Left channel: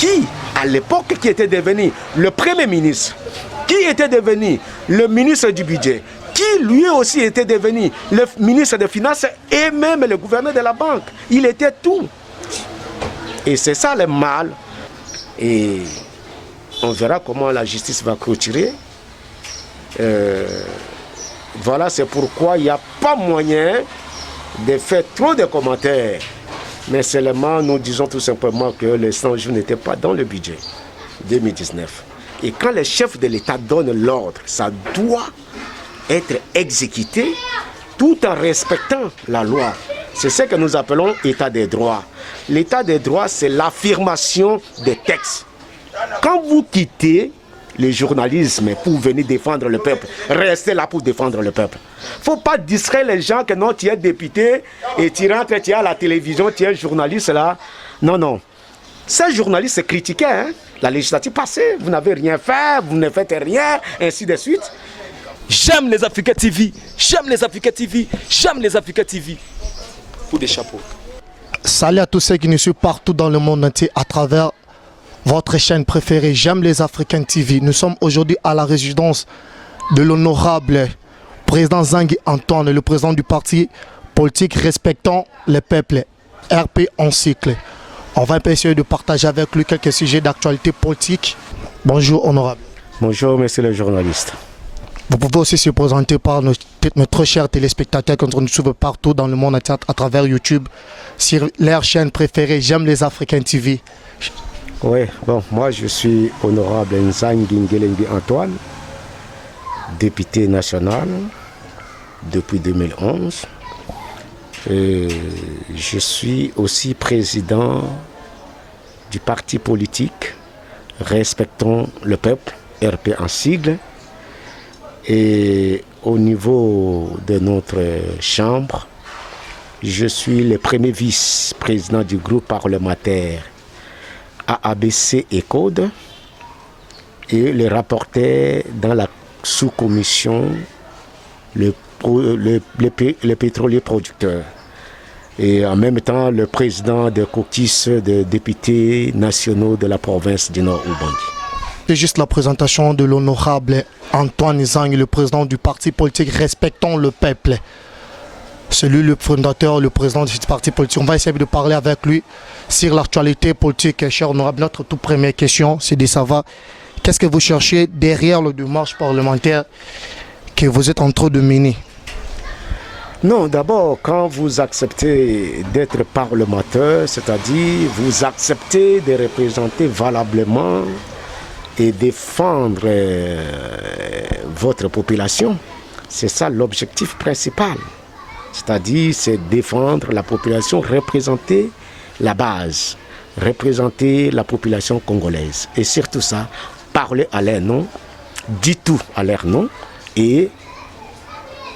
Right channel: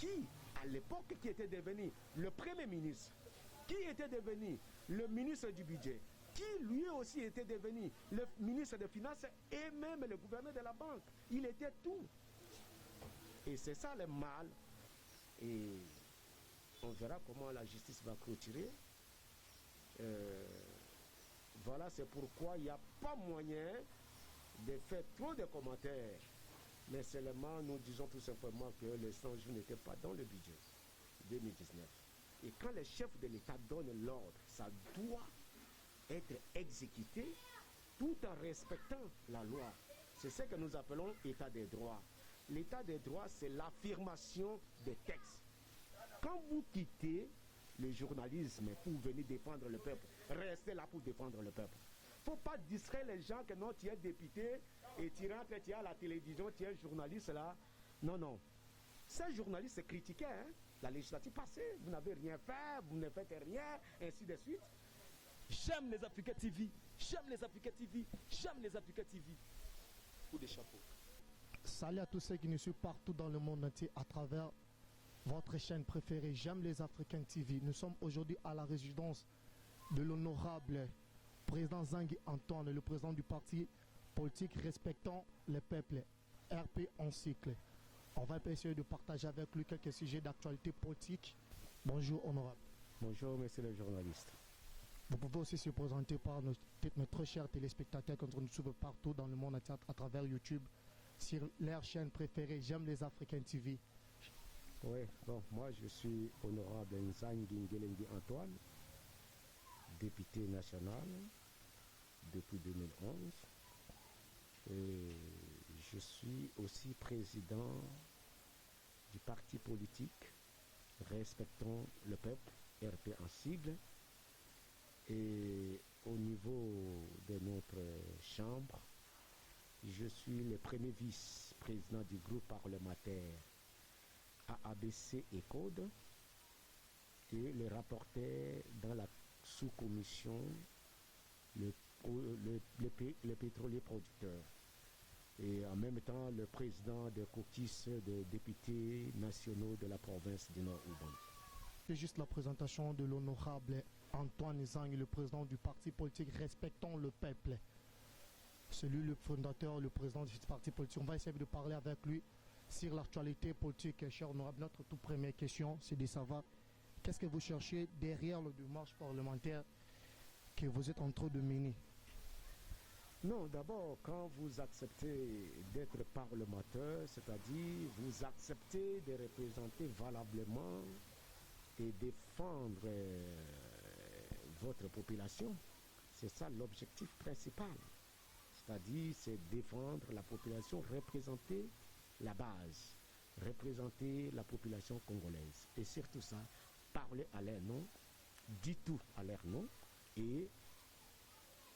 qui, à l'époque, qui était devenu le Premier ministre, qui était devenu le ministre du budget, qui lui aussi était devenu le ministre des Finances et même le gouverneur de la banque. Il était tout. Et c'est ça le mal. Et on verra comment la justice va clôturer. Voilà, c'est pourquoi il n'y a pas moyen de faire trop de commentaires. Mais seulement, nous disons tout simplement que les 100 jours n'étaient pas dans le budget 2019. Et quand les chefs de l'État donnent l'ordre, ça doit être exécuté tout en respectant la loi. C'est ce que nous appelons État des droits. L'état des droits, c'est l'affirmation des textes. Quand vous quittez le journalisme pour venir défendre le peuple, restez là pour défendre le peuple. Il ne faut pas distraire les gens que non, tu es député et tu rentres, tu es à la télévision, tu es journaliste là. Non, non. Ces journalistes critiquaient la législative passée. Vous n'avez rien fait, vous ne faites rien, ainsi de suite. J'aime les Africa TV, j'aime les Africa TV, j'aime les Africa TV. Pour des chapeaux. Salut à tous ceux qui nous suivent partout dans le monde entier à travers votre chaîne préférée, J'aime les Africains TV. Nous sommes aujourd'hui à la résidence de l'honorable président Zangui Antoine, le président du parti politique Respectons le Peuple, RP en cycle. On va essayer de partager avec lui quelques sujets d'actualité politique. Bonjour honorable. Bonjour monsieur le journaliste. Vous pouvez aussi se présenter par notre chers téléspectateurs qui nous suivent partout dans le monde entier à travers YouTube, sur leur chaîne préférée, J'aime les Africains TV. Oui, bon, moi je suis honorable Nzangui Antoine, député national depuis 2011. Je suis aussi président du parti politique Respectons le Peuple, RP en sigle. Et au niveau de notre chambre, je suis le premier vice-président du groupe parlementaire AABC et Code et le rapporteur dans la sous-commission le pétrolier producteur. Et en même temps, le président de caucus des députés nationaux de la province du Nord-Ubangi. C'est juste la présentation de l'honorable Antoine Zangui, le président du parti politique Respectons le Peuple. C'est lui le fondateur, le président de ce parti politique. On va essayer de parler avec lui sur l'actualité politique. Cher honorable, notre toute première question, c'est de savoir qu'est-ce que vous cherchez derrière le démarche parlementaire que vous êtes en train de mener. Non, d'abord, quand vous acceptez d'être parlementaire, c'est-à-dire vous acceptez de représenter valablement et défendre votre population, c'est ça l'objectif principal. C'est-à-dire, c'est défendre la population, représenter la base, représenter la population congolaise. Et surtout ça, parler à leur nom, dire tout à leur nom et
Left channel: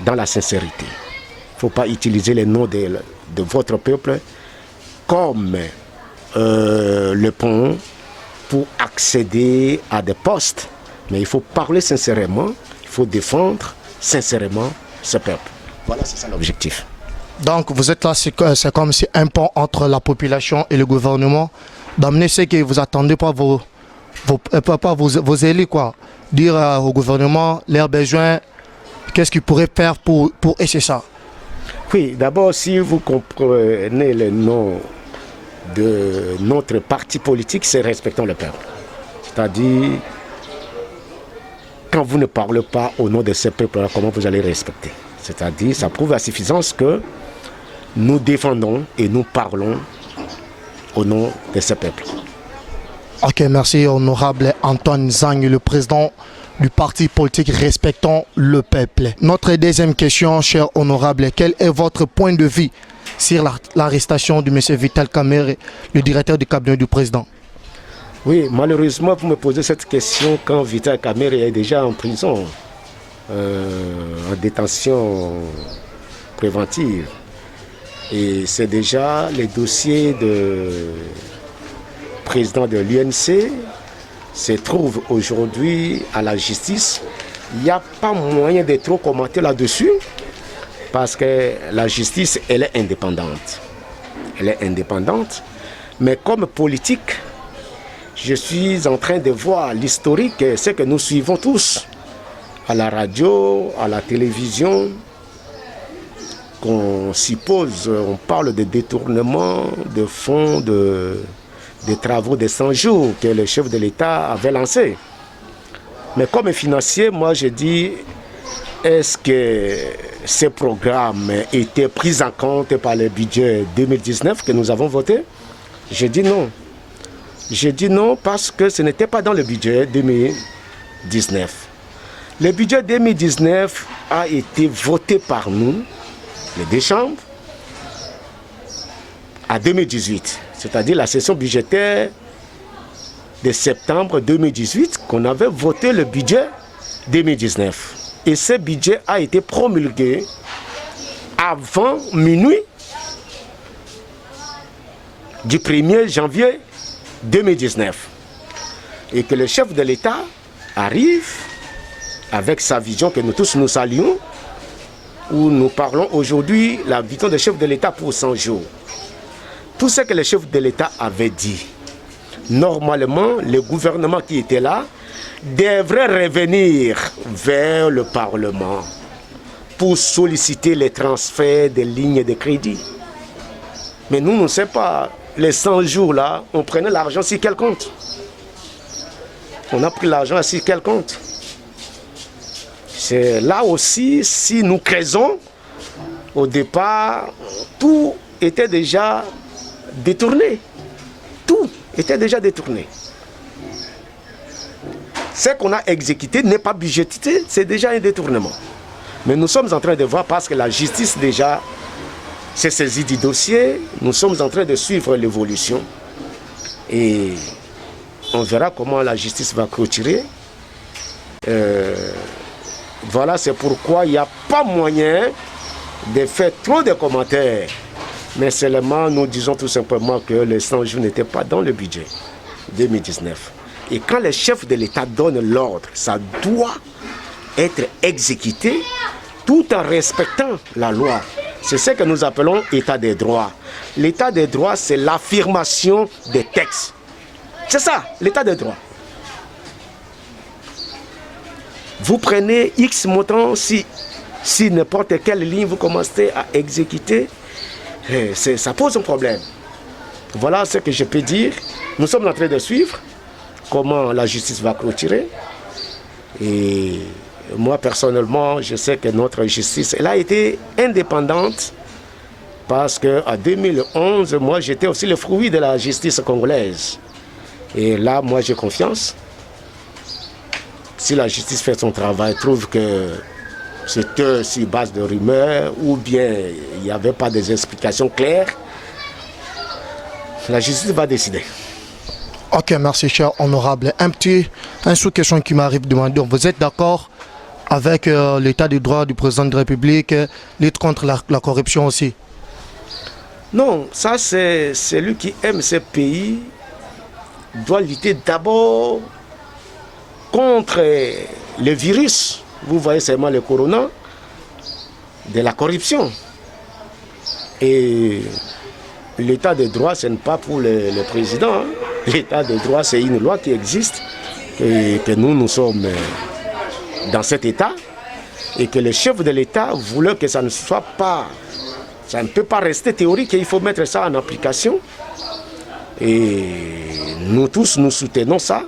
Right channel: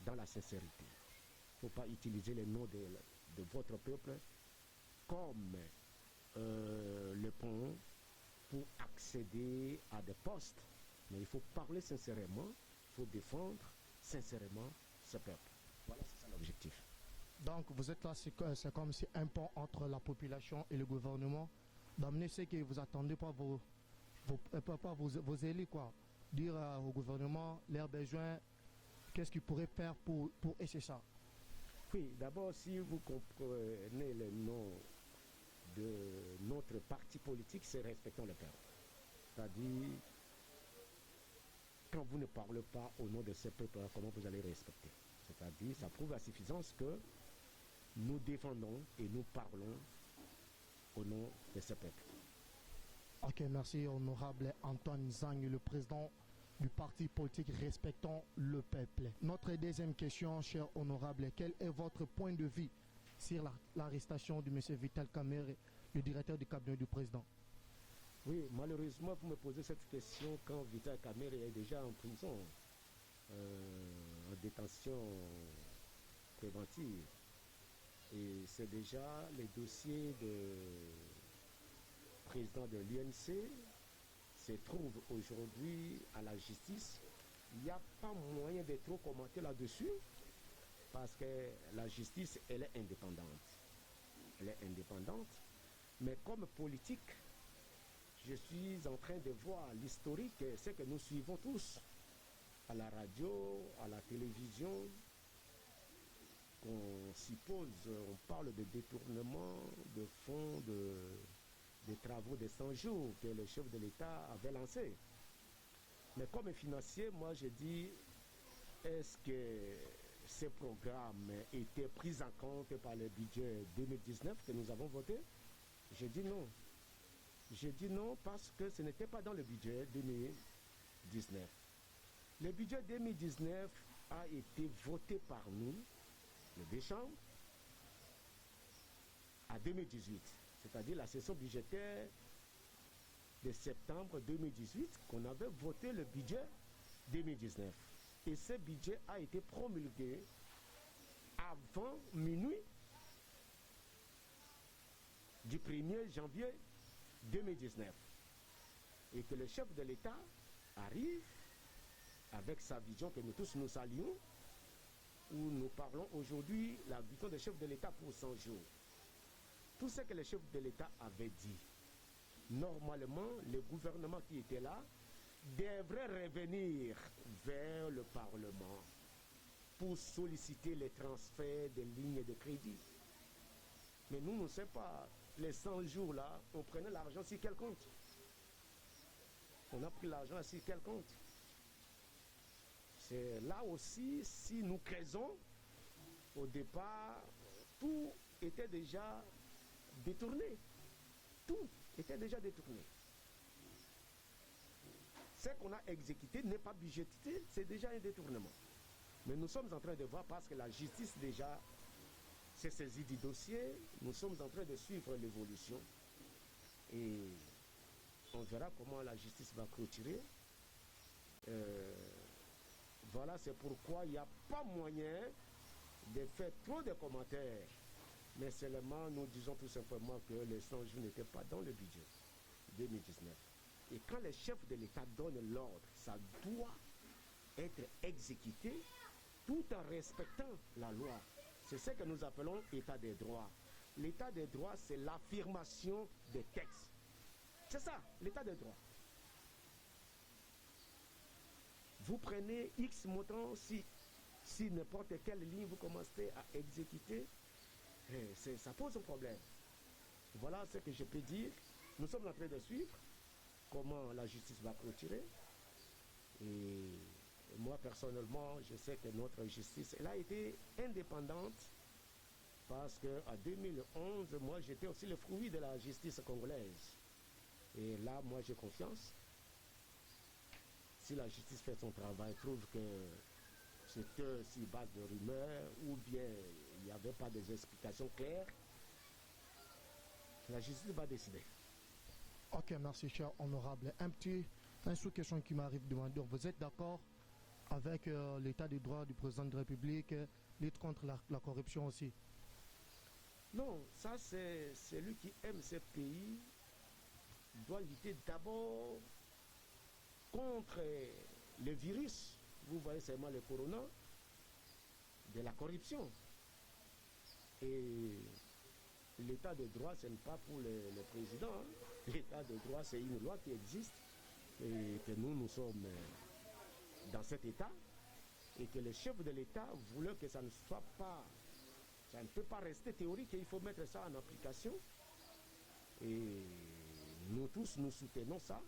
dans la sincérité. Il ne faut pas utiliser les noms de votre peuple comme le pont pour accéder à des postes. Mais il faut parler sincèrement, il faut défendre sincèrement ce peuple. Voilà, c'est ça l'objectif. Donc vous êtes là, c'est comme si un pont entre la population et le gouvernement, d'amener ce que vous attendez pas vos élus, quoi. Dire au gouvernement leurs besoins, qu'est-ce qu'ils pourraient faire pour essayer ça. Oui, d'abord, si vous comprenez le nom de notre parti politique, c'est Respectons le Peuple. C'est-à-dire, quand vous ne parlez pas au nom de ce peuple-là, comment vous allez respecter? C'est-à-dire, ça prouve à suffisance que nous défendons et nous parlons au nom de ce peuple. Ok, merci honorable Antoine Zangui, le président du parti politique Respectons le Peuple. Notre deuxième question, cher honorable, quel est votre point de vue sur l'arrestation de M. Vital Kamerhe, le directeur du cabinet du président? Oui, malheureusement, vous me posez cette question quand Vital Kamerhe est déjà en prison, en détention préventive. Et c'est déjà les dossiers de président de l'UNC se trouve aujourd'hui à la justice. Il n'y a pas moyen de trop commenter là-dessus parce que la justice, elle est indépendante. Elle est indépendante, mais comme politique, je suis en train de voir l'historique, ce que nous suivons tous, à la radio, à la télévision, qu'on suppose, on parle de détournement de fonds des travaux de 100 jours que le chef de l'État avait lancés. Mais comme financier, moi je dis, est-ce que ces programmes étaient pris en compte par le budget 2019 que nous avons voté? Je dis non. Je dis non parce que ce n'était pas dans le budget 2019. Le budget 2019 a été voté par nous, les deux chambres, à 2018, c'est-à-dire la session budgétaire de septembre 2018, qu'on avait voté le budget 2019. Et ce budget a été promulgué avant minuit du 1er janvier 2019. Et que le chef de l'État arrive avec sa vision que nous tous nous saluons, où nous parlons aujourd'hui la vision du chef de l'État pour 100 jours. Tout ce que le chef de l'État avait dit, normalement, le gouvernement qui était là devrait revenir vers le Parlement pour solliciter les transferts des lignes de crédit. Mais nous, on ne sait pas, les 100 jours là, on prenait l'argent sur quel compte? On a pris l'argent sur quel compte? C'est là aussi, si nous creusons, au départ, tout était déjà détourné. Tout était déjà détourné. Ce qu'on a exécuté n'est pas budgétisé, c'est déjà un détournement. Mais nous sommes en train de voir, parce que la justice déjà s'est saisie du dossier, nous sommes en train de suivre l'évolution. Et on verra comment la justice va clôturer. Voilà, c'est pourquoi il n'y a pas moyen de faire trop de commentaires. Mais seulement, nous disons tout simplement que les 100 jours n'étaient pas dans le budget 2019. Et quand le chef de l'État donne l'ordre, ça doit être exécuté tout en respectant la loi. C'est ce que nous appelons État des droits. L'état des droits, c'est l'affirmation des textes. C'est ça, l'état des droits. Vous prenez X montant, si n'importe quelle ligne vous commencez à exécuter, ça pose un problème. Voilà ce que je peux dire. Nous sommes en train de suivre comment la justice va clôturer. Et moi, personnellement, je sais que notre justice, elle a été indépendante parce qu'en 2011, moi, j'étais aussi le fruit de la justice congolaise. Et là, moi, j'ai confiance. Si la justice fait son travail, trouve que c'était sur base de rumeurs ou bien il n'y avait pas des explications claires, la justice va décider. Ok, merci cher honorable. Un sous-question qui m'arrive de demander, vous êtes d'accord avec l'état du droit du président de la République, lutte contre la corruption aussi? Non, ça c'est celui qui aime ce pays doit lutter d'abord contre le virus. Vous voyez seulement le corona, de la corruption. Et l'état de droit, ce n'est pas pour le président. Hein. L'état de droit, c'est une loi qui existe et que nous sommes dans cet état et que le chef de l'État voulait que ça ne soit pas, ça ne peut pas rester théorique, il faut mettre ça en application. Et nous tous, nous soutenons ça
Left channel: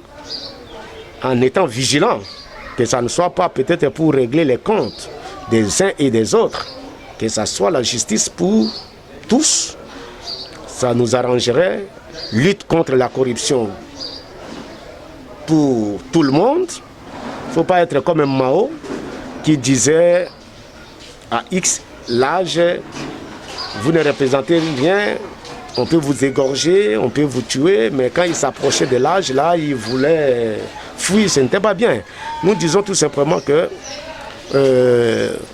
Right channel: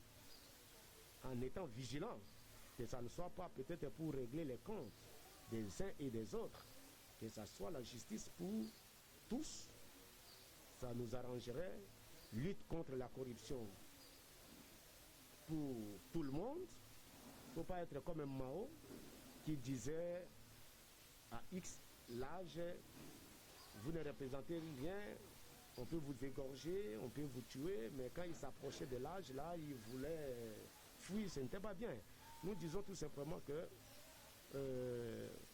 en étant vigilants, que ça ne soit pas peut-être pour régler les comptes des uns et des autres, que ça soit la justice pour tous. Ça nous arrangerait, lutte contre la corruption pour tout le monde. Il ne faut pas être comme un Mao qui disait à X l'âge, vous ne représentez rien, on peut vous égorger, on peut vous tuer, mais quand il s'approchait de l'âge, là, il voulait fuir, ce n'était pas bien. Nous disons tout simplement que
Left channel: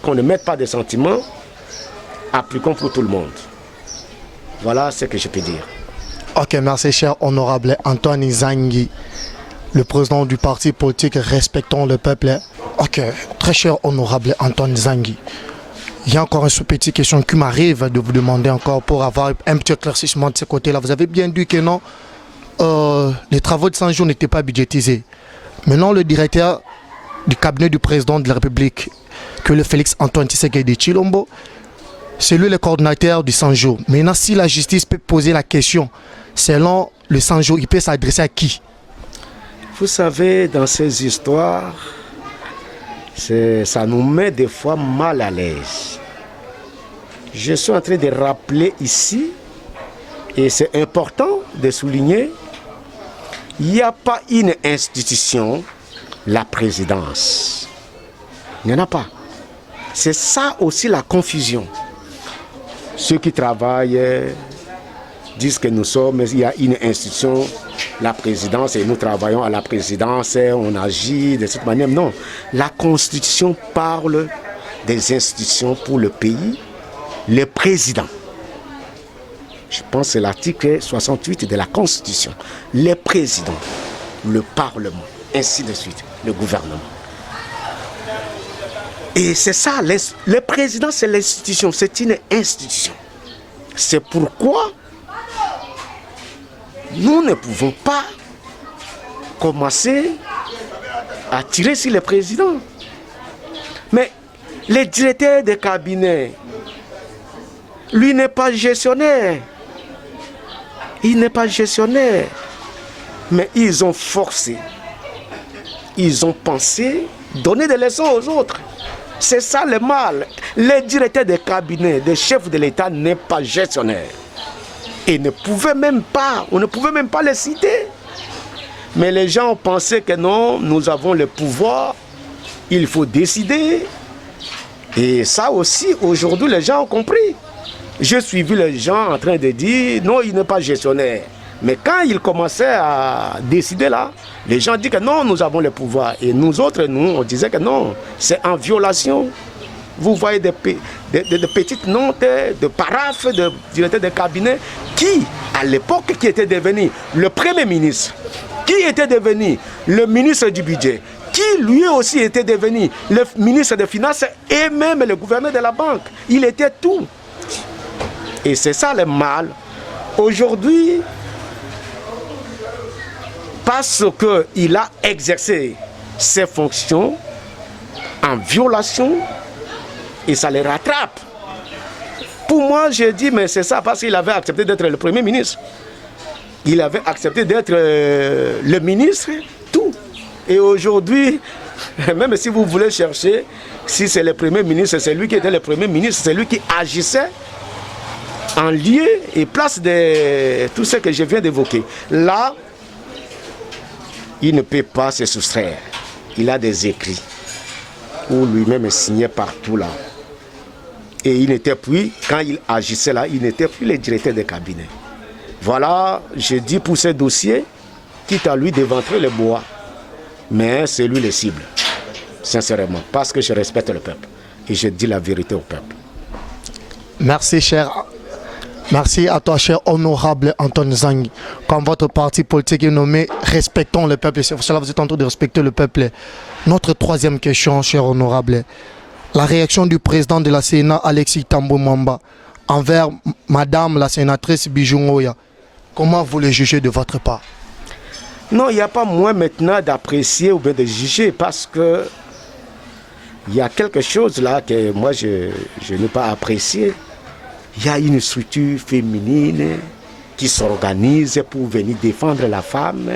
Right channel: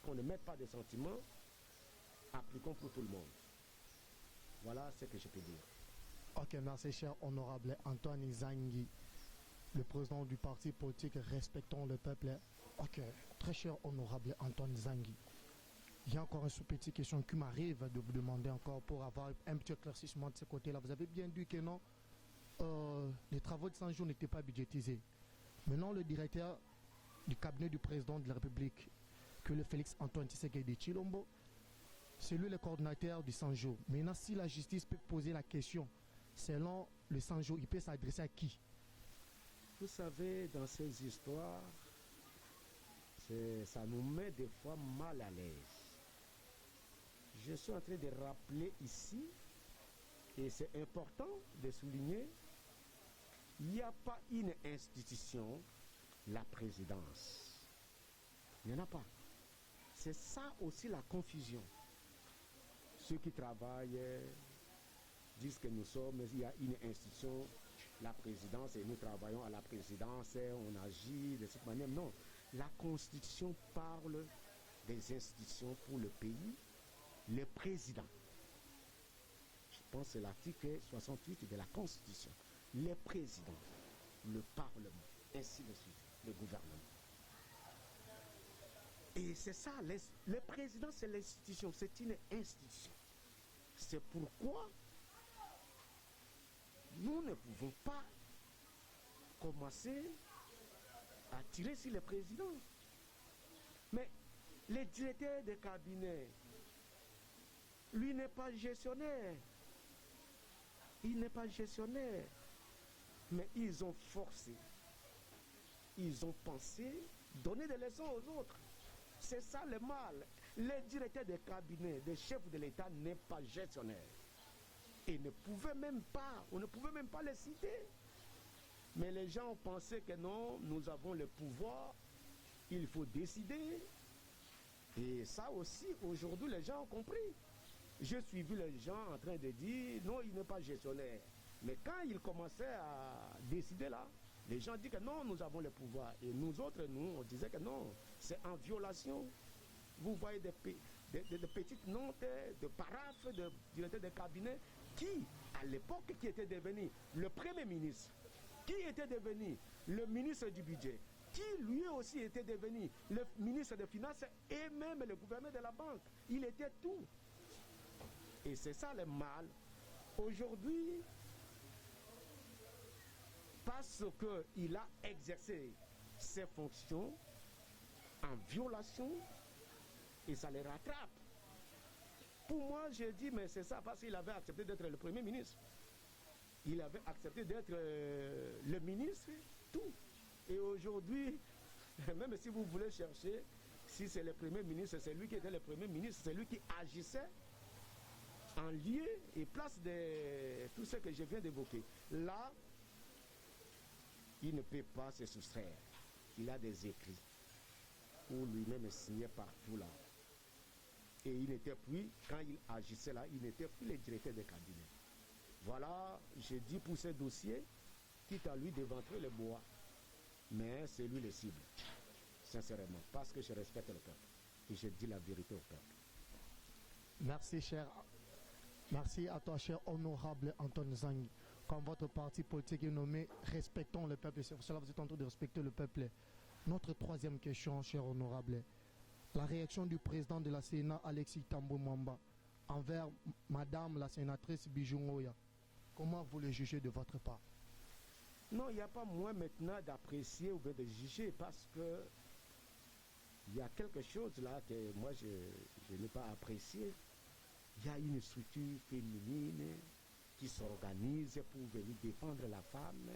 qu'on ne mette pas de sentiments, appliquons pour tout le monde. Voilà ce que je peux dire. Ok, merci cher honorable Antoine Zangui, le président du parti politique Respectons le Peuple. Ok, très cher honorable Antoine Zangui, il y a encore une petite question qui m'arrive de vous demander encore pour avoir un petit éclaircissement de ce côté-là. Vous avez bien dit que non, les travaux de 100 jours n'étaient pas budgétisés. Maintenant, le directeur du cabinet du président de la République, que le Félix Antoine Tshisekedi Tshilombo, c'est lui le coordinateur du 100 jours. Maintenant, si la justice peut poser la question, selon le 100 jours, il peut s'adresser à qui? Vous savez, dans ces histoires, ça nous met des fois mal à l'aise. Je suis en train de rappeler ici, et c'est important de souligner, il n'y a pas une institution, la présidence. Il n'y en a pas. C'est ça aussi la confusion. Ceux qui travaillent disent que nous sommes, il y a une institution, la présidence, et nous travaillons à la présidence, on agit de cette manière. Non, la Constitution parle des institutions pour le pays, le président. Je pense que c'est l'article 68 de la Constitution. Le président, le Parlement, ainsi de suite, le gouvernement. Et c'est ça, le président, c'est l'institution, c'est une institution. C'est pourquoi nous ne pouvons pas commencer à tirer sur le président. Mais le directeur de cabinet, lui n'est pas gestionnaire. Il n'est pas gestionnaire. Mais ils ont forcé, ils ont pensé donner des leçons aux autres. C'est ça le mal. Le directeur de cabinet, le chef de l'État n'est pas gestionnaire. Et on ne pouvait même pas les citer. Mais les gens ont pensé que non, nous avons le pouvoir, il faut décider. Et ça aussi, aujourd'hui, les gens ont compris. J'ai suivi les gens en train de dire, non, il n'est pas gestionnaire. Mais quand il commençait à décider là, les gens disent que non, nous avons le pouvoir. Et nous autres, nous, on disait que non, c'est en violation. Vous voyez des petites notes, de paraphes, de directeurs de cabinet, qui, à l'époque, qui était devenu le Premier ministre, qui était devenu le ministre du budget, qui lui aussi était devenu le ministre des Finances et même le gouverneur de la banque. Il était tout. Et c'est ça le mal. Aujourd'hui, parce qu'il a exercé ses fonctions en violation, et ça les rattrape. Pour moi, je dis, mais c'est ça, parce qu'il avait accepté d'être le Premier ministre. Il avait accepté d'être le ministre, tout. Et aujourd'hui, même si vous voulez chercher, si c'est le Premier ministre, c'est lui qui était le Premier ministre, c'est lui qui agissait en lieu et place de tout ce que je viens d'évoquer. Là, il ne peut pas se soustraire. Il a des écrits où lui-même signait partout là. Et il n'était plus, quand il agissait là, il n'était plus le directeur de cabinet. Voilà, je dis pour ces dossiers, quitte à lui d'éventrer le bois. Mais c'est lui le cible, sincèrement, parce que je respecte le peuple. Et je dis la vérité au peuple. Merci, cher. Merci à toi, cher honorable Anton Zang. Comme votre parti politique est nommé, respectons le peuple. C'est pour cela que vous êtes en train de respecter le peuple. Notre troisième question, cher honorable. La réaction du président de la Sénat, Alexis Thambwe Mwamba, envers madame la sénatrice Bijou Ngoya. Comment vous le jugez de votre part? Non, il n'y a pas moins maintenant d'apprécier ou bien de juger, parce que il y a quelque chose là que moi je n'ai pas apprécié. Il y a une structure féminine qui s'organise pour venir défendre la femme.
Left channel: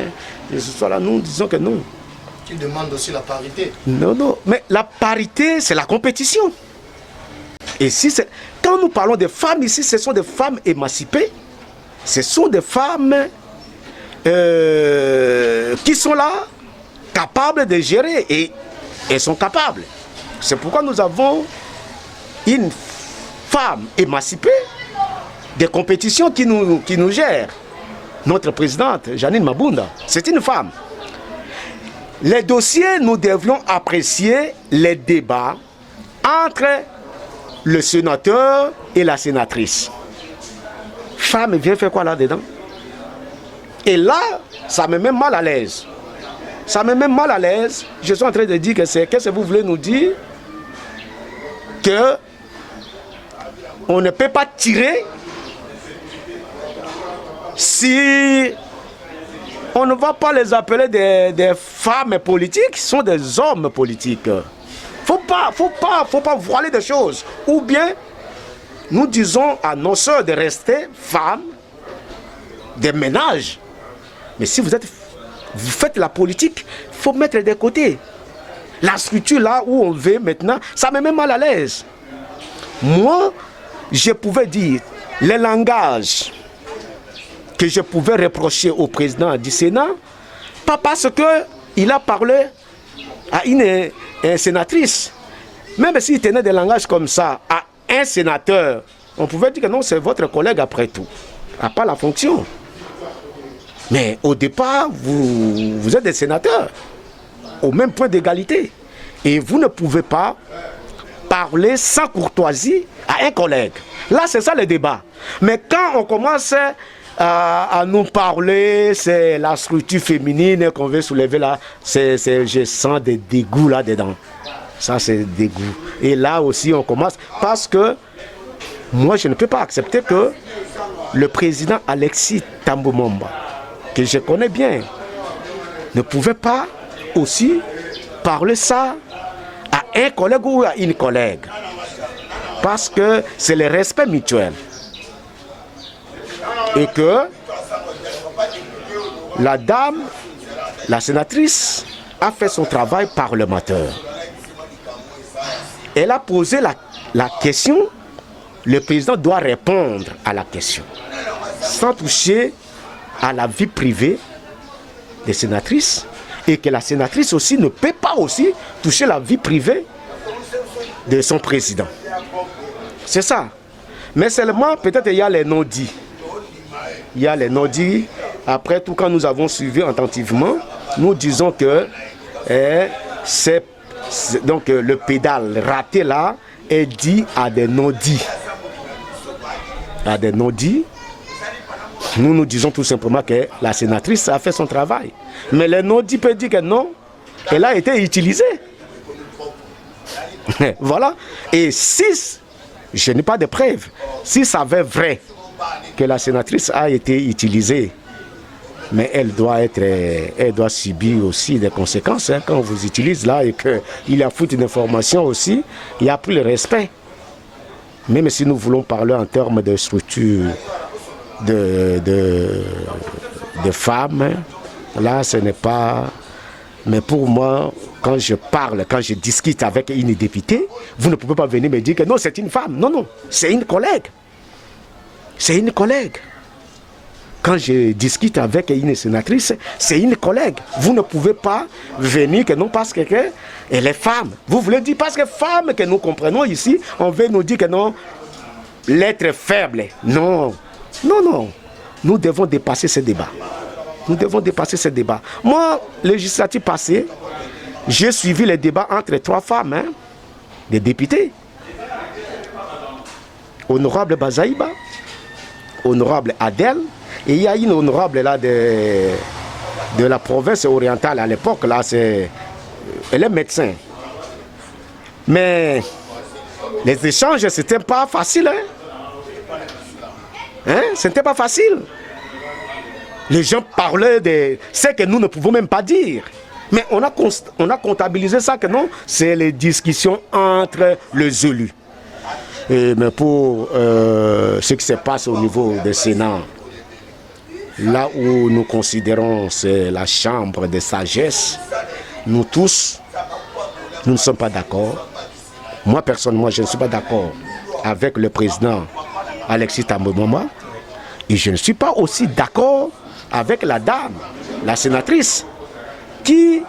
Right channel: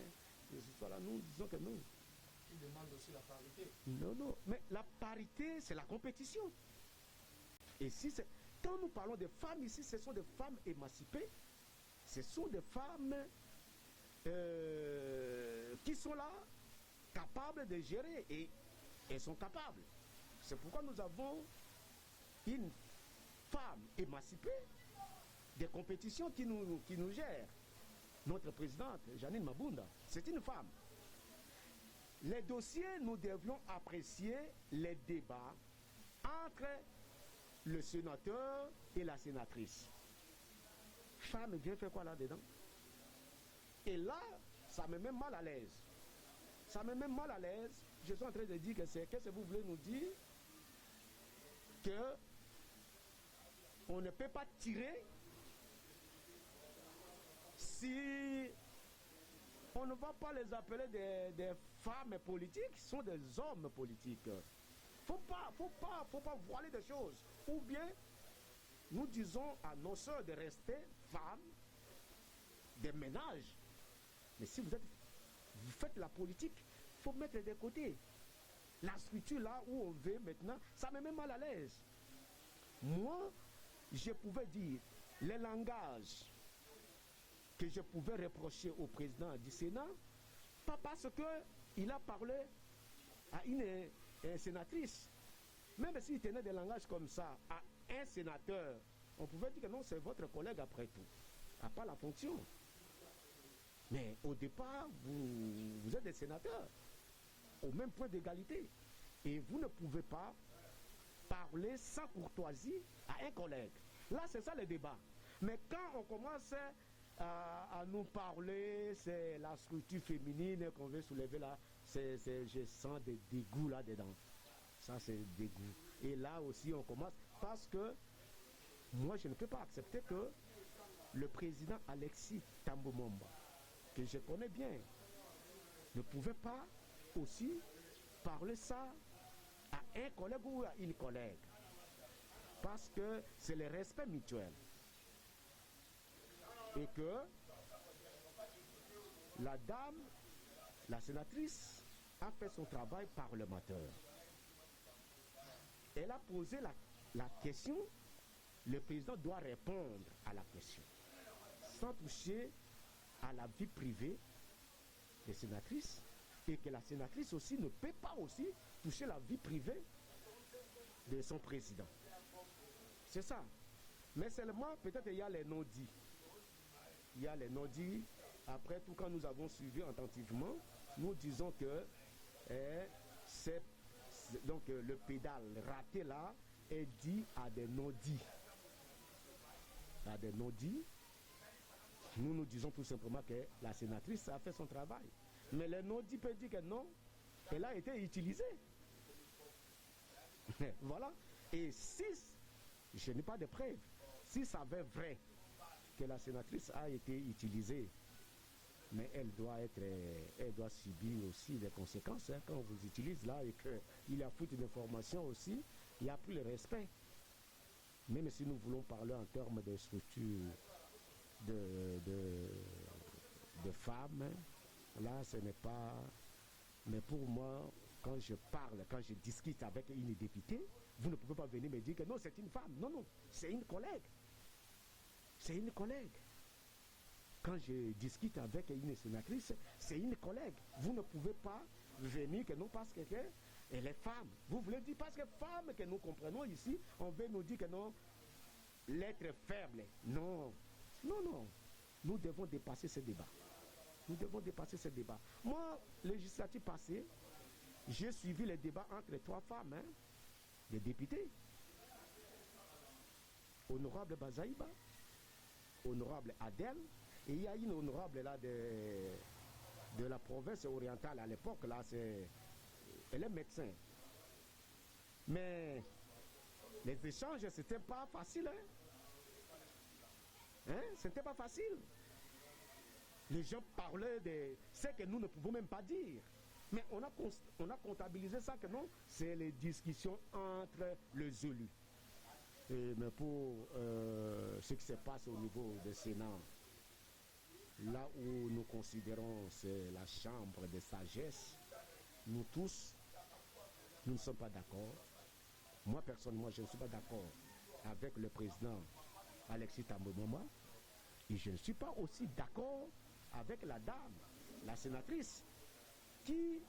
Et ce soir-là, nous disons que non. Qui demande aussi la parité. Non, non, mais la parité, c'est la compétition. Et si c'est... Quand nous parlons de femmes ici, ce sont des femmes émancipées. Ce sont des femmes qui sont là, capables de gérer. Et elles sont capables. C'est pourquoi nous avons une femme émancipée des compétitions qui nous gère. Notre présidente, Janine Mabunda, c'est une femme. Les dossiers, nous devions apprécier les débats entre le sénateur et la sénatrice. Femme vient faire quoi là-dedans? Et là, ça me met mal à l'aise. Ça me met mal à l'aise. Je suis en train de dire que c'est... Qu'est-ce que vous voulez nous dire? Que on ne peut pas tirer si On ne va pas les appeler des femmes politiques, ce sont des hommes politiques. Faut pas voiler des choses. Ou bien, nous disons à nos sœurs de rester femmes, des ménages. Mais si vous faites la politique, il faut mettre de côté. La structure là où on veut maintenant, ça me met mal à l'aise. Moi, je pouvais dire les langages que je pouvais reprocher au président du Sénat, pas parce qu'il a parlé à une sénatrice. Même s'il tenait des langages comme ça à un sénateur, on pouvait dire que non, c'est votre collègue après tout, à part la fonction. Mais au départ, vous êtes des sénateurs, au même point d'égalité. Et vous ne pouvez pas parler sans courtoisie à un collègue. Là, c'est ça le débat. Mais quand on commence à nous parler, c'est la structure féminine qu'on veut soulever là, je sens des dégoûts là-dedans. Ça, c'est dégoût. Et là aussi, on commence parce que moi, je ne peux pas accepter que le président Alexis Thambou Mwamba, que je connais bien, ne pouvait pas aussi parler ça à un collègue ou à une collègue. Parce que c'est le respect mutuel. Et que la dame, la sénatrice, a fait son travail parlementaire. Elle a posé la question, le président doit répondre à la question, sans toucher à la vie privée des sénatrices, et que la sénatrice aussi ne peut pas aussi toucher la vie privée de son président. C'est ça. Mais seulement, peut-être il y a les non-dits. Il y a les non-dits. Après tout, quand nous avons suivi attentivement, nous disons que donc le pédale raté là est dit à des non-dits. À des non-dits. Nous disons tout simplement que la sénatrice a fait son travail. Mais le non-dit peut dire que non, elle a été utilisée. Voilà. Et si, je n'ai pas de preuves, si ça avait vrai que la sénatrice a été utilisée, mais elle doit subir aussi des conséquences. Hein, quand on vous utilise là et qu'il y a fuite d'informations aussi, il n'y a plus le respect. Même si nous voulons parler en termes de structure de femmes, là ce n'est pas... Mais pour moi, quand je parle, quand je discute avec une députée, vous ne pouvez pas venir me dire que non, c'est une femme. Non, non, c'est une collègue. C'est une collègue. Quand je discute avec une sénatrice, c'est une collègue. Vous ne pouvez pas venir que non parce qu'elle est femme. Vous voulez dire parce que femme que nous comprenons ici, on veut nous dire que non, l'être faible. Non, non, non. Nous devons dépasser ce débat. Nous devons dépasser ce débat. Moi, législative passée, j'ai suivi les débats entre trois femmes, hein, des députés. Honorable Bazaïba, honorable Adèle, et il y a une honorable là de la province orientale à l'époque, là, elle est médecin. Mais les échanges, c'était pas facile, hein? C'était pas facile. Les gens parlaient de ce que nous ne pouvons même pas dire. Mais on a comptabilisé ça que non, c'est les discussions entre les élus. Mais pour ce qui se passe au niveau du Sénat, là où nous considérons c'est la chambre de sagesse, nous tous, nous ne sommes pas d'accord. Moi, personnellement, je ne suis pas d'accord avec le président Alexis Thambou Mwamba. Et je ne suis pas aussi d'accord avec la dame, la sénatrice, qui,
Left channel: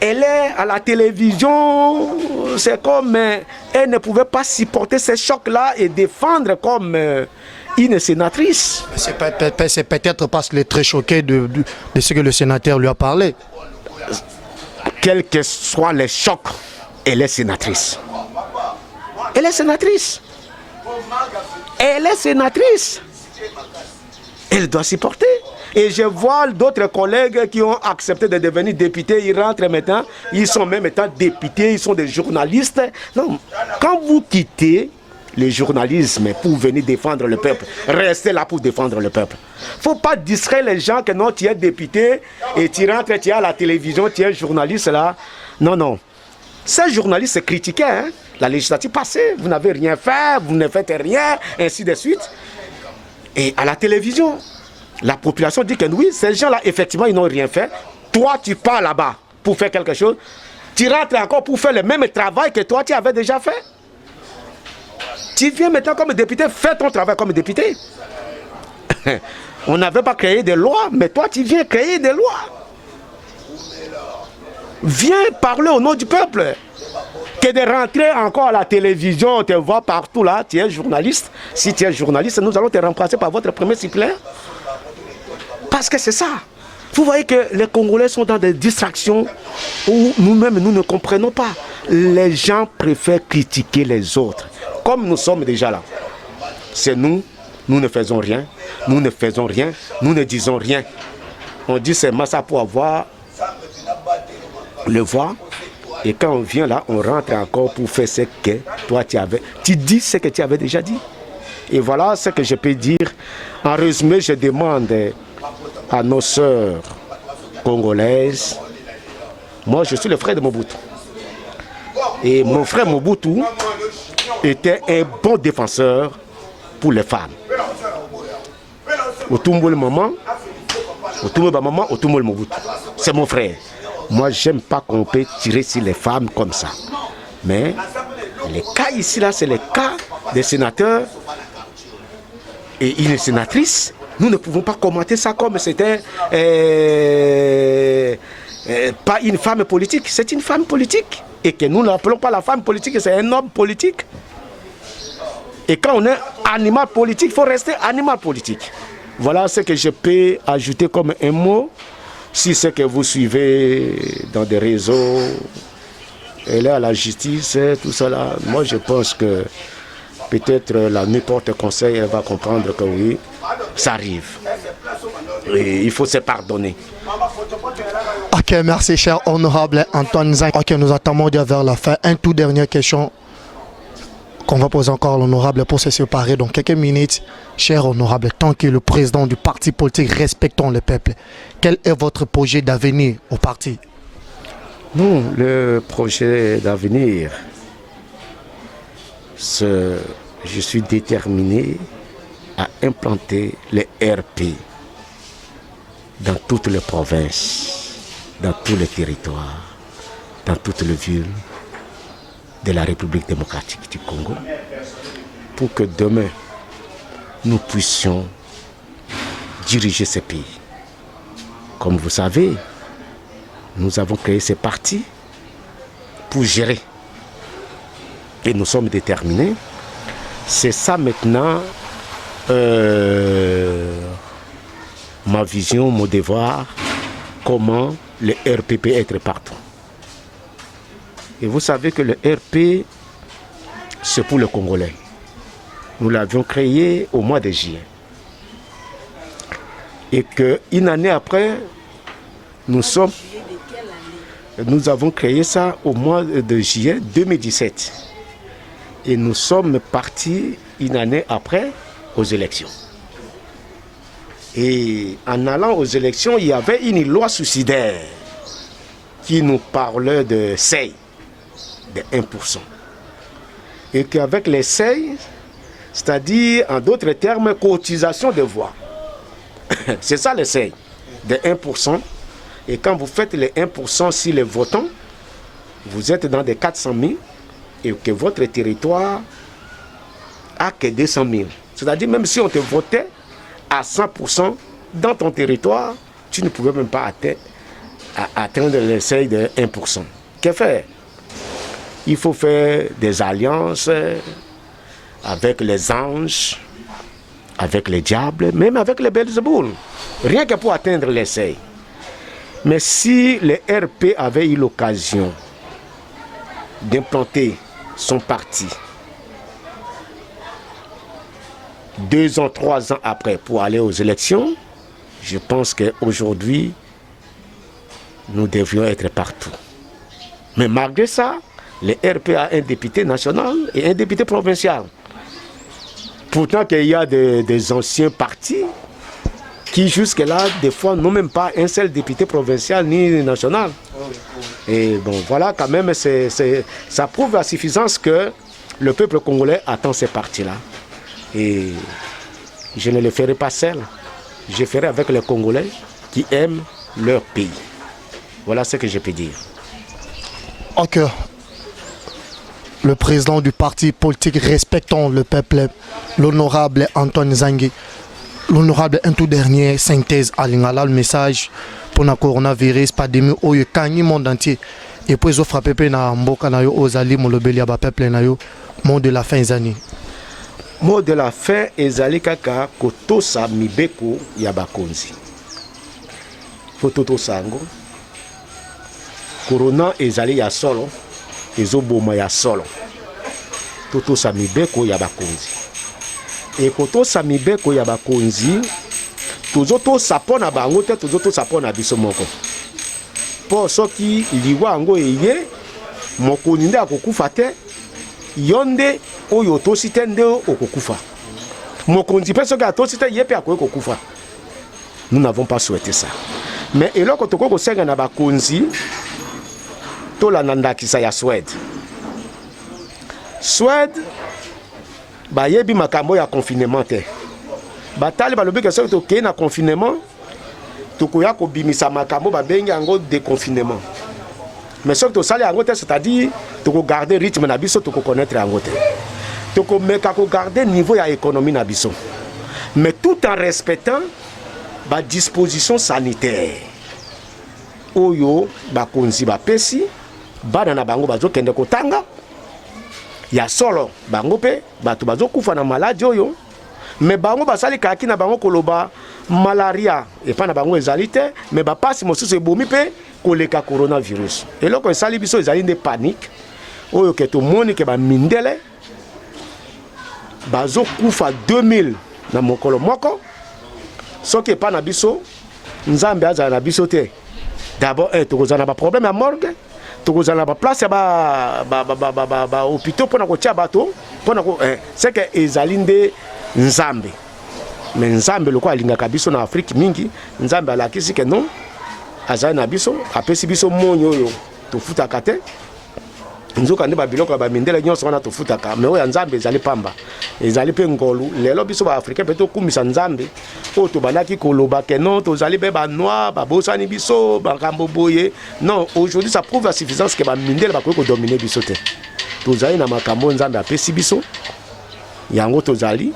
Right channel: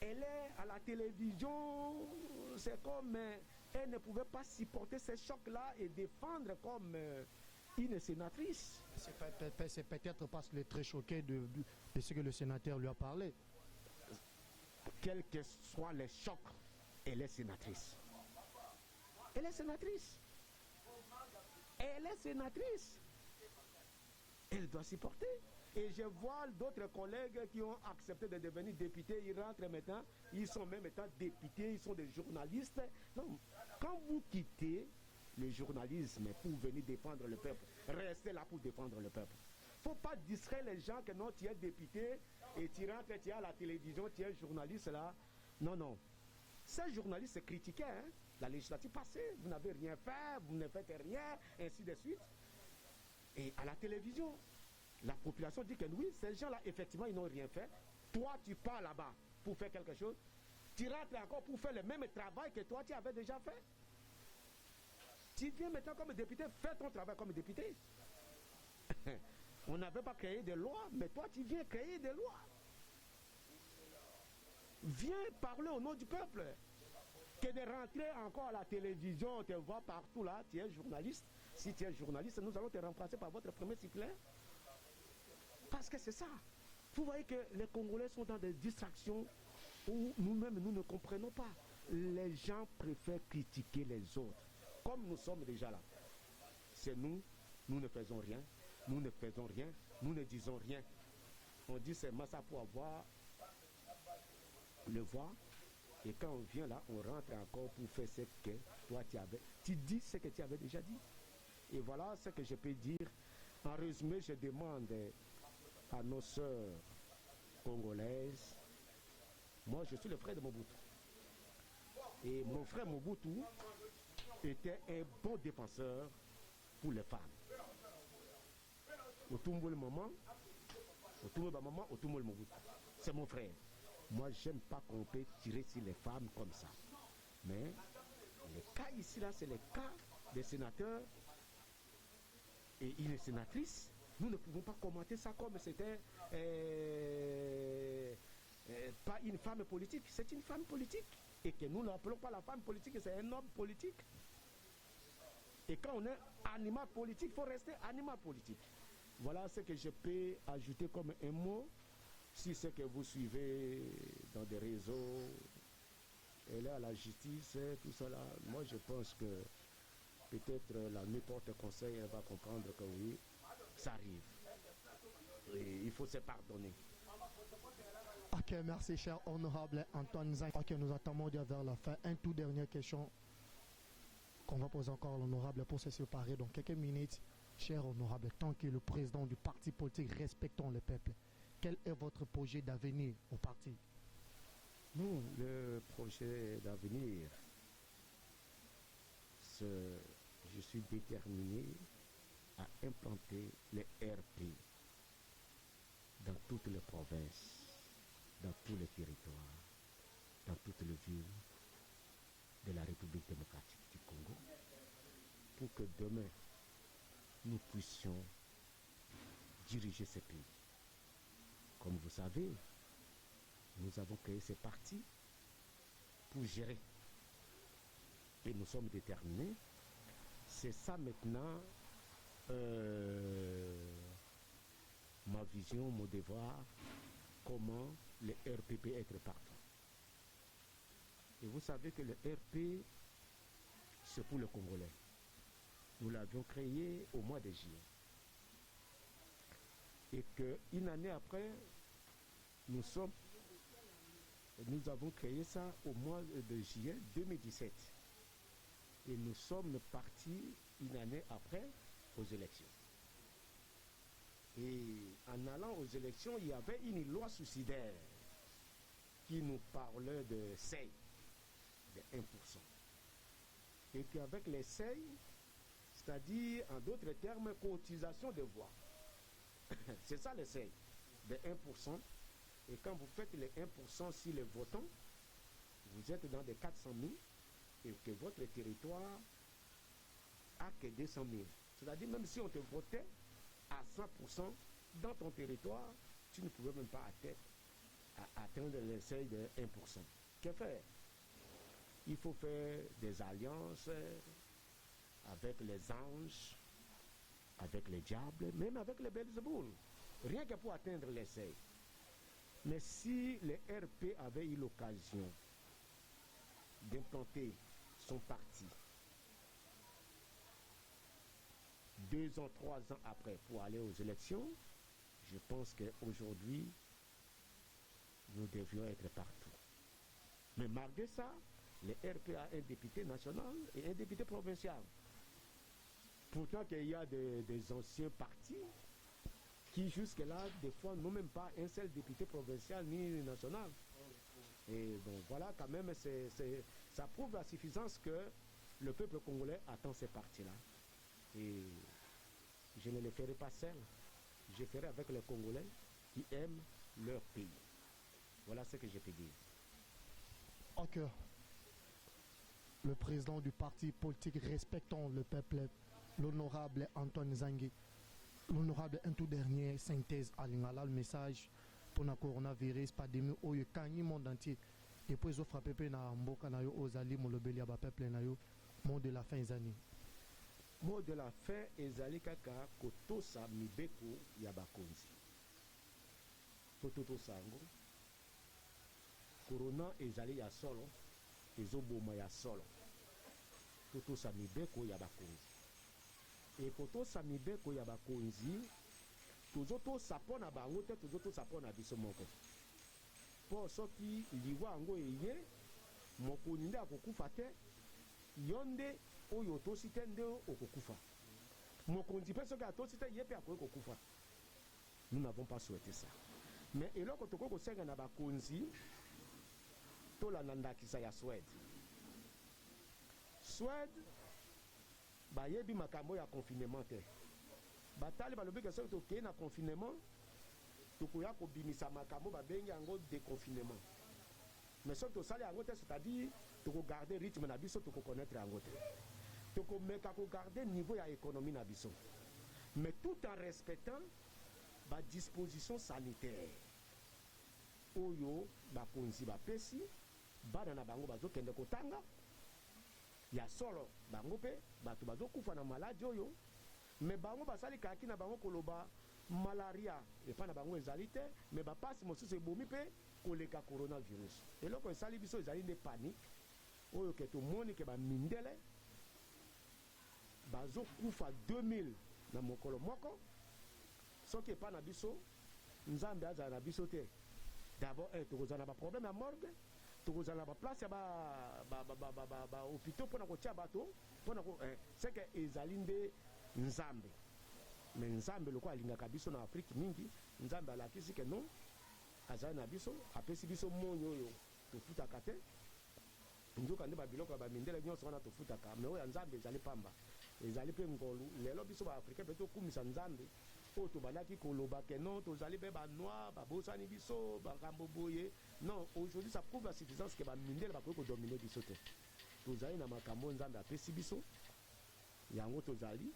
elle est à la télévision, c'est comme, elle ne pouvait pas supporter ces chocs-là et défendre comme une sénatrice. C'est peut-être parce qu'elle est très choquée de ce que le sénateur lui a parlé. Quels que soient les chocs, elle est sénatrice. Elle est sénatrice. Elle est sénatrice. Elle doit supporter. Et je vois d'autres collègues qui ont accepté de devenir députés, ils rentrent maintenant, ils sont même étant députés, ils sont des journalistes. Non, quand vous quittez le journalisme pour venir défendre le peuple. Restez là pour défendre le peuple. Il ne faut pas distraire les gens que non, tu es député et tu rentres, tu es à la télévision, tu es journaliste là. Non, non. Ces journalistes se critiquaient. Hein? La législative passée, vous n'avez rien fait, vous ne faites rien, ainsi de suite. Et à la télévision, la population dit que oui, ces gens-là, effectivement, ils n'ont rien fait. Toi, tu pars là-bas pour faire quelque chose. Tu rentres encore pour faire le même travail que toi, tu avais déjà fait. Tu viens maintenant comme député, fais ton travail comme député. On n'avait pas créé des lois, mais toi, tu viens créer des lois. Viens parler au nom du peuple. Que de rentrer encore à la télévision, on te voit partout là, tu es journaliste. Si tu es journaliste, nous allons te remplacer par votre premier suppléant. Parce que c'est ça. Vous voyez que les Congolais sont dans des distractions où nous-mêmes, nous ne comprenons pas. Les gens préfèrent critiquer les autres. Comme nous sommes déjà là. C'est nous, nous ne faisons rien. Nous ne faisons rien. Nous ne disons rien. On dit seulement ça pour avoir le voix. Et quand on vient là, on rentre encore pour faire ce que toi tu avais. Tu dis ce que tu avais déjà dit. Et voilà ce que je peux dire. En résumé, je demande à nos sœurs congolaises. Moi, je suis le frère de Mobutu. Et mon frère Mobutu était un bon défenseur pour les femmes. Otumbo le maman, Otumbo le maman, Otumbo le Mobutu. C'est mon frère. Moi, j'aime pas qu'on peut tirer sur les femmes comme ça. Mais les cas ici, là, c'est les cas des sénateurs et une sénatrice. Nous ne pouvons pas commenter ça comme c'était pas une femme politique. C'est une femme politique. Et que nous n'appelons pas la femme politique, c'est un homme politique. Et quand on est animal politique, il faut rester animal politique. Voilà ce que je peux ajouter comme un mot. Si c'est que vous suivez dans des réseaux, elle est à la justice, tout ça là, moi je pense que peut-être la nuit porte conseil, elle va comprendre que oui, ça arrive. Et il faut se pardonner. Ok, merci cher honorable Antoine Zang. Ok, nous attendons déjà vers la fin. Une toute dernière question qu'on va poser encore à l'honorable pour se séparer dans quelques minutes. Cher honorable, tant que le président du parti politique respectons le peuple, quel est votre projet d'avenir au parti? Nous, le projet d'avenir, je suis déterminé à implanter les RP dans toutes les provinces, dans tous les territoires, dans toutes les villes de la République démocratique du Congo, pour que demain, nous puissions diriger ce pays. Comme vous savez, nous avons créé ces partis pour gérer. Et nous sommes déterminés. C'est ça maintenant ma vision, mon devoir, comment le RP peut être partout. Et vous savez que le RP, c'est pour le Congolais. Nous l'avions créé au mois de juillet. Et qu'une année après, nous avons créé ça au mois de juillet 2017. Et nous sommes partis une année après aux élections. Et en allant aux élections, il y avait une loi suicidaire qui nous parlait de seuil de 1%. Et qu'avec les seuils, c'est-à-dire en d'autres termes, cotisation de voix. C'est ça le seuil de 1%. Et quand vous faites les 1% sur les votants, vous êtes dans des 400 000 et que votre territoire a que 200 000. C'est-à-dire même si on te votait à 100% dans ton territoire, tu ne pouvais même pas atteindre le seuil de 1%. Que faire? Il faut faire des alliances avec les anges, avec les diables, même avec les Belzéboul. Rien que pour atteindre les seuils. Mais si les RP avaient eu l'occasion d'implanter son parti 2 ans, 3 ans après pour aller aux élections, je pense qu'aujourd'hui, nous devrions être partout. Mais malgré ça, les RP a un député national et un député provincial. Pourtant qu'il y a des anciens partis qui jusque-là, des fois, n'ont même pas un seul député provincial ni national. Et bon, voilà, quand même, ça prouve à suffisance que le peuple congolais attend ces partis-là. Et je ne le ferai pas seul. Je ferai avec les Congolais qui aiment leur pays. Voilà ce que je peux dire. Ok. Le président du parti politique Respectons le peuple, l'honorable Antoine Zangi, l'honorable un tout dernier synthèse à l'ingala le message pour le coronavirus, pandémie, où il y a le monde entier. Et puis, ils ont frappé na mboka na yo aux alliés, mon peuple na yo, mot de la fin des années. Mot de la fin, ezali kaka kotosa mibeko ya bakonzi. Fototo sango. Corona ezali ya solo, ezoboma ya solo. Totosa mibeko ya bakonzi. E kotosa mibeko ya bakonzi, tozotosa pona bango te, tozotosa pona biso moko. Po soki liwa yango eye, mokonzi nde akokufa te, yonde oyo tosi te nde okokufa. Mokonzi pe soki atosi te ye pe akokufa. Nous n'avons pas souhaité ça. Mais eloko toko kosenga na bakonzi to la nandakisa ya Suède. Suède ba yebi makambo ya confinement te. Batali balobi ke soki toke na confinement tokoya ko bimisa makambo ba bengi yango déconfinement. Mais soki tosali yango te, c'est-à-dire toko garder rythme na biso, toko connaître yango te. Toko meka ko garder niveau ya économie na biso. Mais tout en respectant ba disposition sanitaire. Oyo bakonzi bapesi bana na bango bazo kende kotanga ya solo bango pe bato bazo kufa na maladie oyo. Mais bango basali kaki na bango koloba malaria et pas na bango ezali te, mais ba pasi mosusu ebomi pe koleka coronavirus. Et loko esali biso ezali de panique oyo ke to moni ke ba mindele bazo kufa 2000 na mokolo moko. Soki pas na biso nzambe azala na biso te. D'abord tokozana ba problème ya morgue, tokozana ba place ya ba hôpital pona ko tia bato, pona ko c'est que ezali nde nzambe. Mais nzambe loko alingaka biso na Afrique mingi, nzambe alakisi ke non azali na biso, apesi biso monyo oyo tofutaka te. Nzoka nde ba biloko ba mindele nyonso wana tofutaka, mais oyo nzambe ezali pamba. Ezali pe ngolu, lelo biso ba africain pe to kumisa nzambe. O to banaki koloba ke non, tozali be ba noir, ba bosani biso, ba kambo boye. Non, aujourd'hui ça prouve la suffisance que ba mindele ba ko dominer biso te. Tozali na makambo nzambe apesi biso. Yango tozali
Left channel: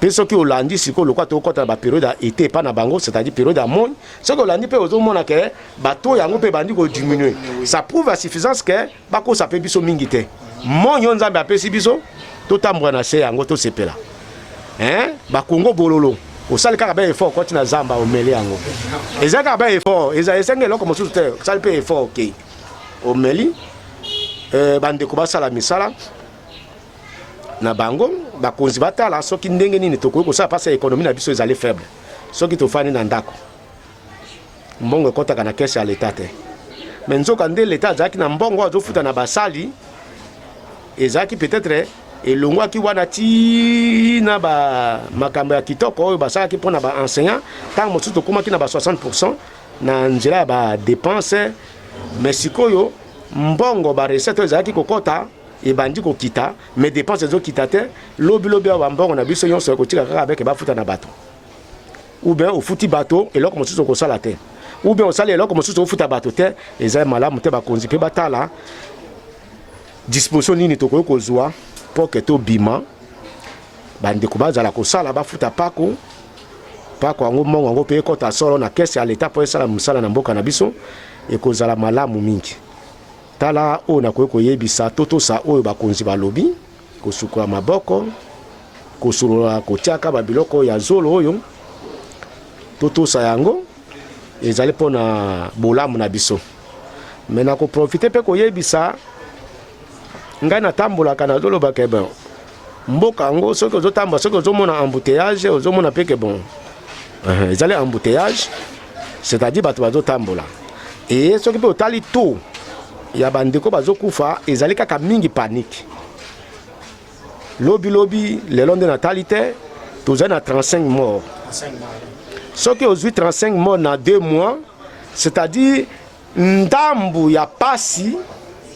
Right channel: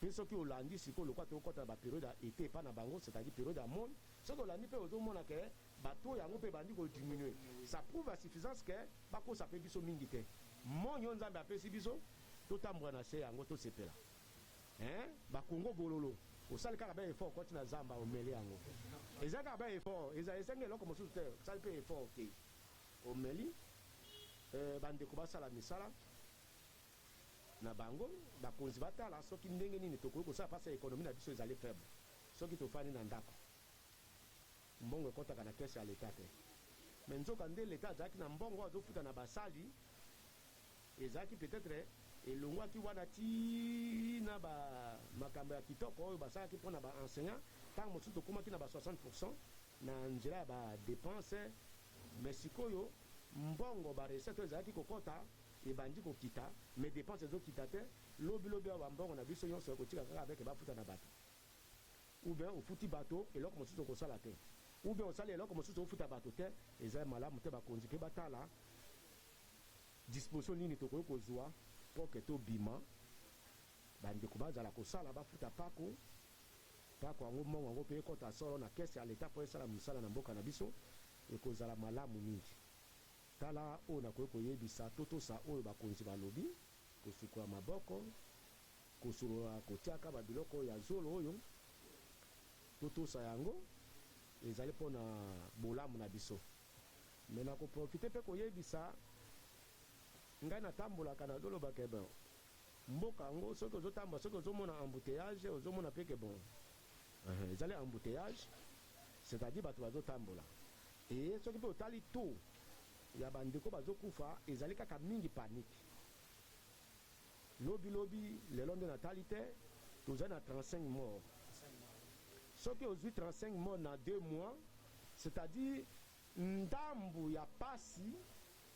pe soki olandi siko lokwa to kota ba période été pas na bango, c'est-à-dire période à monde. Soki olandi pe ozomona ke bato yango pe bandi ko diminuer. Ça prouve la suffisance que ba ko sape biso mingi te. Monyo nzambe apesi biso to tambwa na se yango to sepela. Ba Congo bololo. Osali kaka ba effort koti na zamba omeli yango. Ezaka ba effort, ezenge loko mosusu te, osali pe effort OK. Omeli bande ko basala misala na bango bakonzi batala soki ndenge nini tokoki kosala pasi ya économie na biso ezali faible. Soki tofani na ndako mbongo ekotaka na kese ya leta te. Mais nzoka nde leta azalaki na mbongo azofuta na basali ezalaki peut-être elongwaki wana ti na ba makambo ya kitoko oyo basalaki mpona ba enseignant ntango mosusu tokomaki na ba 60% na nzela ya ba dépense. Mais sikoyo mbongo ba recette oyo ezalaki kokota ebandi kokita, mais dépenses ezokita te. Lobi ya mbongo na biso nyonso ekotika kaka avec bafuta na bato. Ou bien ofuti bato eloko mosusu okosala te. Ou bien osali eloko mosusu ofuta bato te, ezali malamu te bakonzi pe batala disposition nini tokoki kozwa po ke tobima bandeko bazala kosala bafuta pako yango mbongo yango pe ekota solo na kese ya leta po esala mosala na mboka na biso ekozala malamu mingi. Tala o na koyebisa totosa oyo bakonzi balobi kosukula maboko kosulula kotiaka babiloko ya zolo oyo totosa yango ezali mpona bolamu na biso. Me na koprofite pe koyebisa ngai natambolaka nazoloba ke bon mboka yango soki ozotambola soki ozomona embouteillage ozomona pe ke bon ezali embouteillage, c'est-à-dire bato bazotambola e soki pe otali to ya bandeko bazokufa ezali kaka mingi panique. Lobby, le long de natalité, tous à 35 morts. Ce qui aujourd'hui 35 morts dans 2 mois, c'est-à-dire, ndambu ya pasi,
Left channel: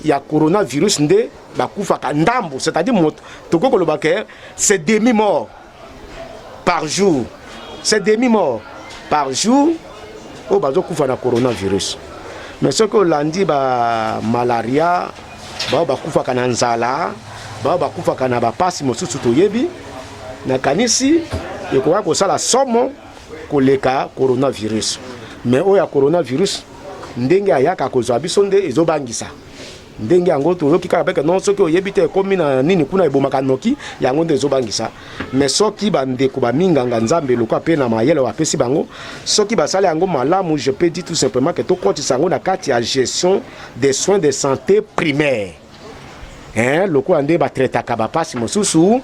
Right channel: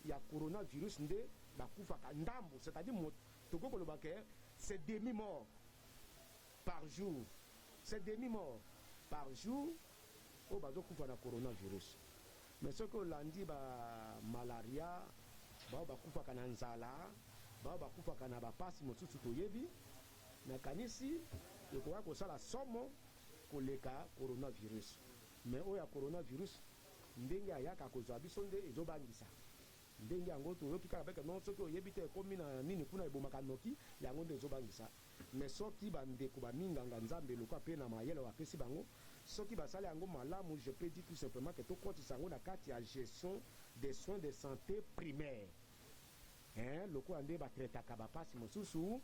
il y a coronavirus, c'est-à-dire, c'est demi-mort par jour. C'est demi-mort par jour au bazo kufa na coronavirus. Mais ce que l'on dit, malaria, kufa kana nzala, kufa kana bapasi mosusu toyebi, na kanisi, yekwa kosala somo koleka coronavirus. Mais oya coronavirus, ndenge ayaka kozwa biso nde ezobangisa. Ndenge yango toyoki kaka peke non soki oyebi te ekomi na nini kuna ebomaka noki yango nde ezobangisa. Mais soki bandeko baminganga nzambe lokwa pe na mayele bapesi bango, soki basala yango malamu, je peux dire tout simplement que tokotisa yango na kati ya gestion des soins de santé primaires. Lokwa nde batretaka bapasi mosusu,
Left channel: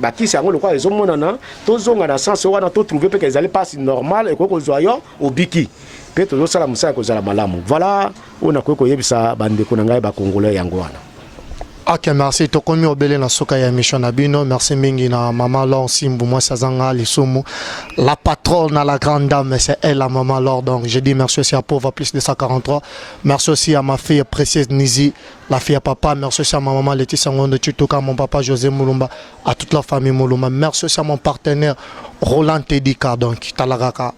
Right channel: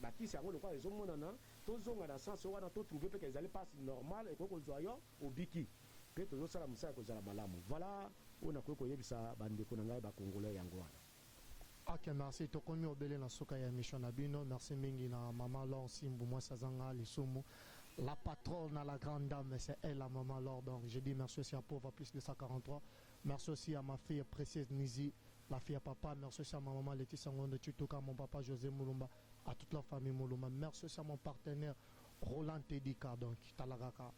bakisi yango lokwa ezomonana, tozonga na sens wana to trouver peke ezali pasi normal ekoko kozwa yo obiki. Pe tozosala musala kozala malamu. Voilà, on a koyebisa bandeko na ngai ba congolais yango wana. Ok, merci. Tokomi obele na soka ya mission nabino. Merci mingi na maman Laure Simbu, moi Sazanga Lisumu. La patronne à la grande dame, c'est elle la maman Laure. Donc je dis merci aussi à Pauvre plus de 143. Merci aussi à ma fille précieuse Nizi, la fille à papa. Merci aussi à ma maman Laetitia Ngondo Tutuka, mon papa José Moulumba, à toute la famille Moulumba. Merci aussi à mon partenaire Roland Tedika, donc Talaraka.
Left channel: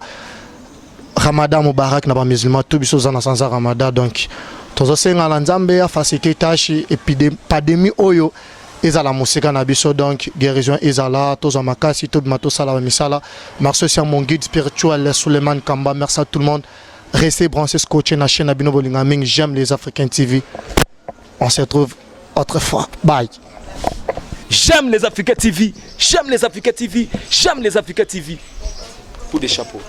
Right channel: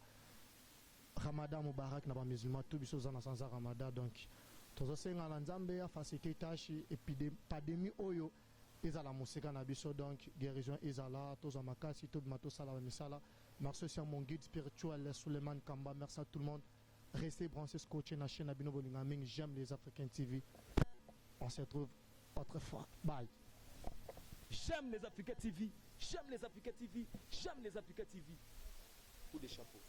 Ramadan Moubarak na ba musulman tout biso za na sanza Ramadan donc tozo senga na nzambe ya facilité tâche épidémie oyo ezala musika na biso donc guérison ezala tozo makasi to bimato sala misala. Merci aussi à mon guide spirituel Suleiman Kamba. Merci à tout le monde. Restez branchés scotché na chaîne Abino Bolingaming. J'aime les Africains TV. On se retrouve autrefois. Bye. J'aime les Africains TV. J'aime les Africains TV. J'aime les Africains TV. Coup des chapeaux.